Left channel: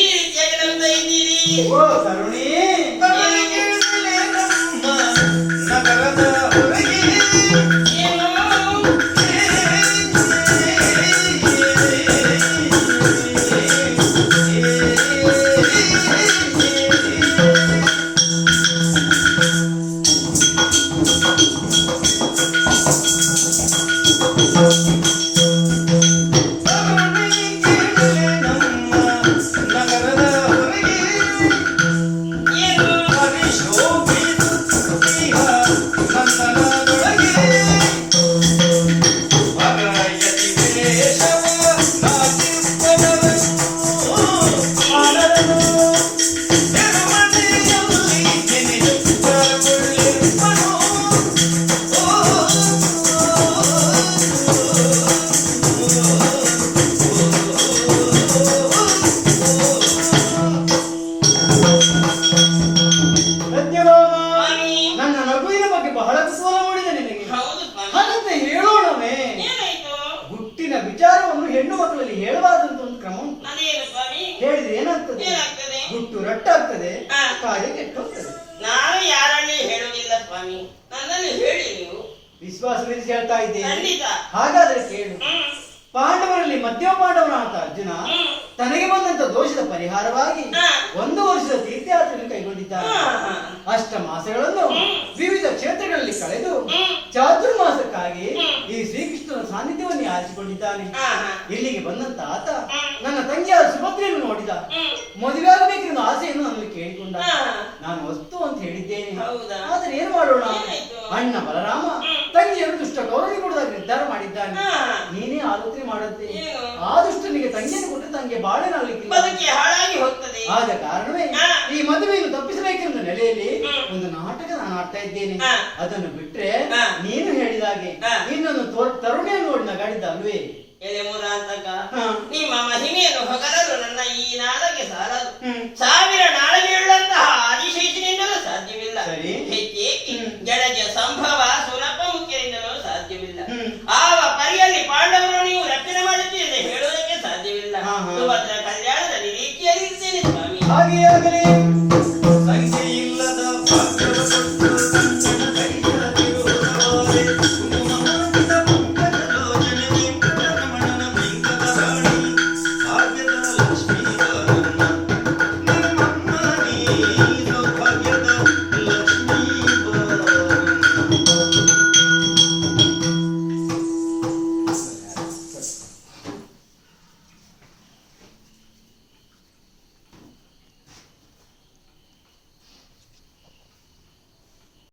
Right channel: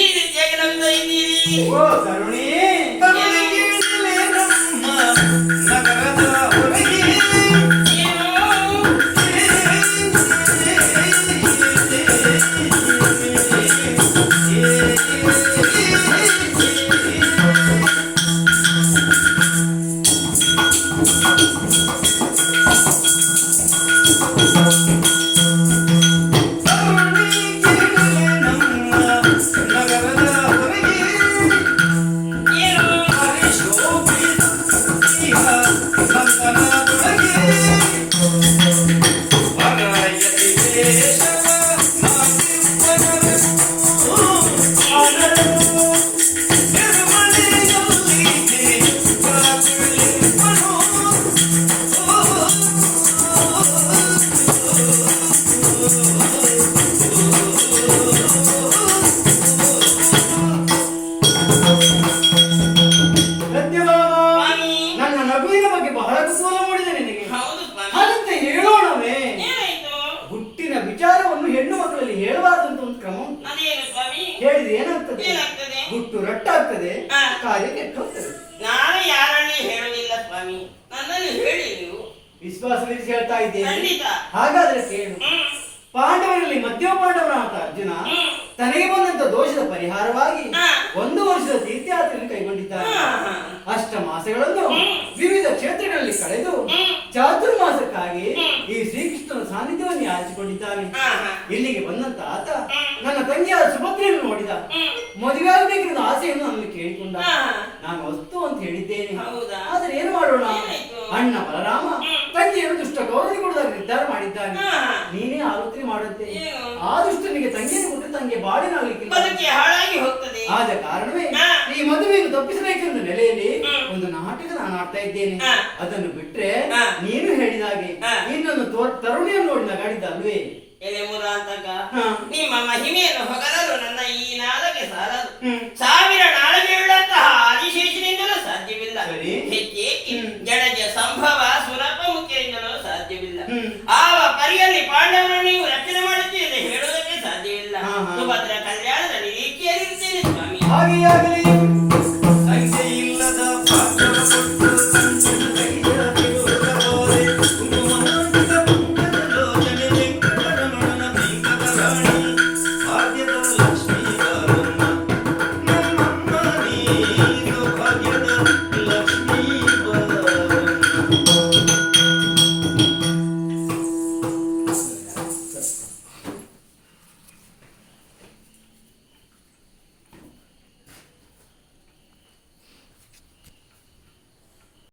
ಈ ರೀತಿಯಾಗಿ ನಮ್ತಾ ಇದ್ದೀರಿ. ಓ ತರುಣಿ, ನಗರದ ಹೊರಗೆ ಹೆಣ್ಣು ಮಕ್ಕಳಲ್ಲಿ ಹೇಳಬಾರದಂತ ಒಂದು ಕ್ರಮ ಉಂಟು. ಹೇಳಿದ್ರೆ ಏನಾಗ್ತದೆ? ಗುಟ್ಟು ರಟ್ಟಾಗ್ತದೆ, ಕಾರ್ಯ ಕೆಟ್ಟೋಗ್ತದೆ. ನಾನು ಯಾರಲ್ಲಿ ಹೇಳುವುದಿಲ್ಲ ಸ್ವಾಮಿ, ನನ್ನಲ್ಲಿ ಹೇಳಿ ನೀವು. ವಿಶ್ವಾಸವಿರಿಸಿ ಹೇಳ್ತಾ ಇದ್ದೇನೆ. ಹಾಗಾದ್ರೆ ಕೇಳು. ಪಾಂಡವರಲ್ಲಿ ಮಧ್ಯಮ ಪಾಂಡವನಾದ ಅರ್ಜುನ ತನಗೆ ಬಂದಂತ ದೋಷದ ಪರಿಹಾರವಾಗಿ 1 ವರ್ಷದ ತೀರ್ಥಯಾತ್ರೆಯನ್ನು ಕೈಗೊಂಡಿದ್ದಾನೆ. ಅಷ್ಟ ಮಾಸಗಳನ್ನು ವಿವಿಧ ಕ್ಷೇತ್ರಗಳಲ್ಲಿ ಕಳೆದು ಚಾತುರ್ಮಾಸಕ್ಕಾಗಿ ಈ ಶ್ರೀಕೃಷ್ಣನ ಸಾನ್ನಿಧ್ಯವನ್ನು ಯಾಚಿಕೊಂಡಿದ್ದಾನೆ. ಇಲ್ಲಿಗೆ ಬಂದಂತ ಆತ ನನ್ನ ತಂಗಿಯಾದ ಸುಭದ್ರೆಯನ್ನು ನೋಡಿದ. ಮದುವೆ ಆಗಬೇಕೆಂದು ಆಸೆಯನ್ನು ನನ್ನಲ್ಲಿ ಕೇಳಿಕೊಂಡ. ನಾನು ವಸ್ತು ಅಂತ ಹೇಳಿದ್ದೇನೆ. ಆದ್ರೆ ಏನು ಮಾಡೋಣ? ಅಣ್ಣ ಬಲರಾಮ ತಂಗಿಯನ್ನು ದುಷ್ಟ ಗೌರವಿ ಕೊಡುವಾಗ ನಿರ್ಧಾರ ಮಾಡಿದ್ದಾನೆ. ನೀನೇ ಆಲೋಚನೆ ಮಾಡುತ್ತೆ. ಆದಷ್ಟು ನಿನಗೆ ತಂಗಿಯನ್ನು ಕೊಟ್ಟು ತಂಗಿಗೆ ಬಾಳಿನಾಗಲಿಕ್ಕಿಲ್ಲ, ಹಾಳಾಗಿ ಹೋಗ್ತದೆ. ಆದ ಕಾರಣವೇ ಈ ಮದುವೆಯನ್ನು ತಪ್ಪಿಸಬೇಕೆಂದ ನೆಲೆಯಲ್ಲಿ ಒಂದು ನಾಟಕ ನಾನು ಆಡ್ತಾ ಇದ್ದೇನೆ. ಅದನ್ನು ಬಿಟ್ರೆ ನೀನು ಹೇಳಿದಾಗೆ ಇನ್ನೊಂದು ತರುಣಿಯನ್ನು ನೋಡಿ ನಗಾಡಿದ್ದ ಅಲ್ವೇ? ಎಲೆ ಮುರಾಂತಕ, ನಿಮ್ಮ ಮಹಿಮೆಯನ್ನು ಹೊಗಲಲು ನನ್ನ ಈ ನಾಲಗೆ ಸಾರದು. 1000 ನಾಲಗೆಯುಳ್ಳಂತಹ ಆದಿಶೇಷನಿಂದಲೂ ಸಾಧ್ಯವಿಲ್ಲ. ಜಡಜ ಸಂಭವ ಸುರಪ ಮುಖ್ಯರಿಂದಲೂ ಸಾಧ್ಯವಿಲ್ಲ. ಆವ ಪರಿಯಲ್ಲಿ ಪಾಂಡವರು ನೀವು ರಕ್ಷಣೆ ಮಾಡುತ್ತೀರಿ ಎಂದು ಹೇಳುವುದಕ್ಕೆ ಸಾಧ್ಯವಿಲ್ಲ. ಸುಭದ್ರ ಕಲ್ಯಾಣದ ನಿರೀಕ್ಷೆಯಲ್ಲಿರ್ತೇನೆ ಸ್ವಾಮಿ. ಹಾಗೆಯಾಗಲಿ.